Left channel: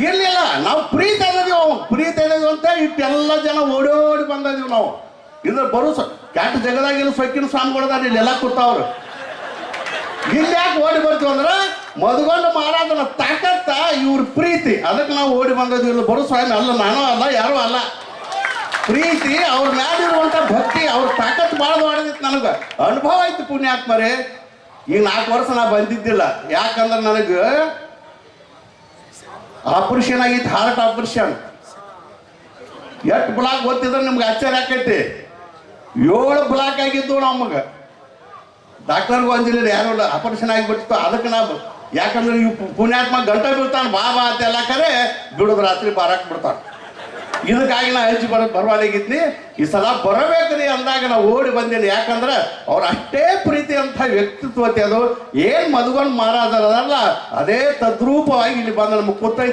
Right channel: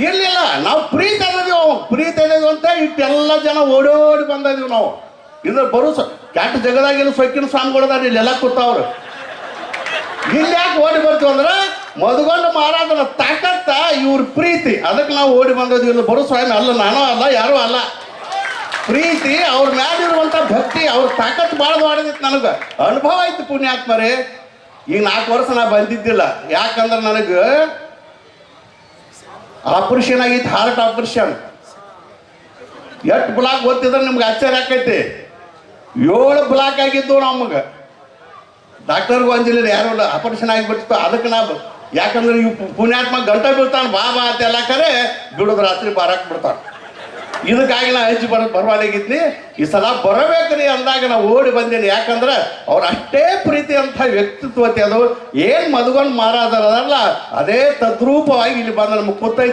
ಇರ್ಲಿಲ್ಲ, ನಾವು ಪ್ರೀತಿ ಅನ್ನೋದು ಪ್ರೀತಿ ಅನ್ನೋದು ಅಂತ ಇಟ್ಟೆಲ್ಲ ಜನ ಓಡೋಡಿ ಬಂದಿದೀವಿ ನಾವು. ಇದ್ರ ಬರೋ ಕ್ಯಾಟ್ ಜಗದಾಗಿಲ್ಲ ಸೊಕ್ಕಿನ ಸ್ವಾಮಿಗಳದಾರ ಇಲ್ಲೆಲ್ಲ ಕೂತಾವ್ರು. ಇಲ್ಲಿ ಯಾಕೆ ಓಡಿ ಬರ್ತೀವಿ ಅಂದ್ರೆ ಮದುಗೊಂಡು ಮಾರಾದನ ತಾಕತ್ತ ಇವ್ರ ಪ್ರೀತಿ, ಅದಕ್ಕೆ ನಾವು ಓಡಿ ಬಂದಿದ್ವಿ. ಇಲ್ಲಿ ಬರೋ ಸ್ವಾಮಿ ಅಲ್ಲ, ನಾನು ಅಲ್ಲ, ಯಾರೂ ಅಲ್ಲ. ಪ್ರೀತಿ ಅವ್ರ ಮ್ಯಾಲಿರುವಂತ ಭಕ್ತಿ, ಅವ್ರ ತಾಕತ್ ಭಾಳ ಮಾಡಿದಿತ್ತು. ನನಗೆ ಅನುಭವ ಆಯ್ತು ಪುಣ್ಯಾತ್ಮರೇ. ಈಗ 4 ವರ್ಷ ನಾ ಬಂದಿದ್ದಿಲ್ಲ, ಯಾಕಂದ್ರೆ ನನಗೆ ಆಪರೇಷನ್ ಆಗಿತ್ತು, ಹಾರ್ಟ್ ಆಪರೇಷನ್. ಎಷ್ಟು ಬ್ಲಾಕ್ ಗೊತ್ತಿದ್ರೆ ನಿಮ್ಗೆ ಆಶ್ಚರ್ಯ ಆಕೈತಿ. 7 ಬ್ಲಾಕ್ ಆಗಿದ್ದು ನಮಗೆ. ಡಾಕ್ಟರ್ಗೂ ಅಂಜಿಲ್ಲ, ಯಾರು ಆಪರೇಷನ್ ಆಗಿಬಿಡ್ತಿತ್ತು. ಅದಕ್ಕೆ ನಾ ಯಾಕಂದ್ರೆ ಇವು ಪುಣ್ಯಾತ್ಮ ಗಂಟೆ ಬೀಳ್ತಾನೆ, ಬಾ ಅಂತೆಲ್ಲ ಕರೆ ಬಿಡೋದು, ರಾತ್ರಿ ಬಾರಕ್ಕೆ ಬಿಡ್ತಾನೆ. ಇದಕ್ಕಾಗಿ ನಾ ಹಚ್ಚಿ ಬರವಾಗಿದ್ನಿ. ಈ ಸಲ ಬರಬೇಕ್ರಿ ಅಂದಾಗ ನಾವು ಓಡಿ ಬಂದೇನಿ. ಯಾಕಂದ್ರೆ ಅವ್ರು ಅಷ್ಟೇ ಪ್ರೀತಿ ಅಂತ ವ್ಯಕ್ತಿತ್ವತೆ ಅದು. ಏನ್ ಮದುಗೊಂಡು ಮಾರಾದರಲ್ಲ ಅದೇ ತದ್ರೂಪವಾಗಿ ಇಲ್ಲಿ ಬಂದ ನಮ್ಮ ಕೂತೈತಿ.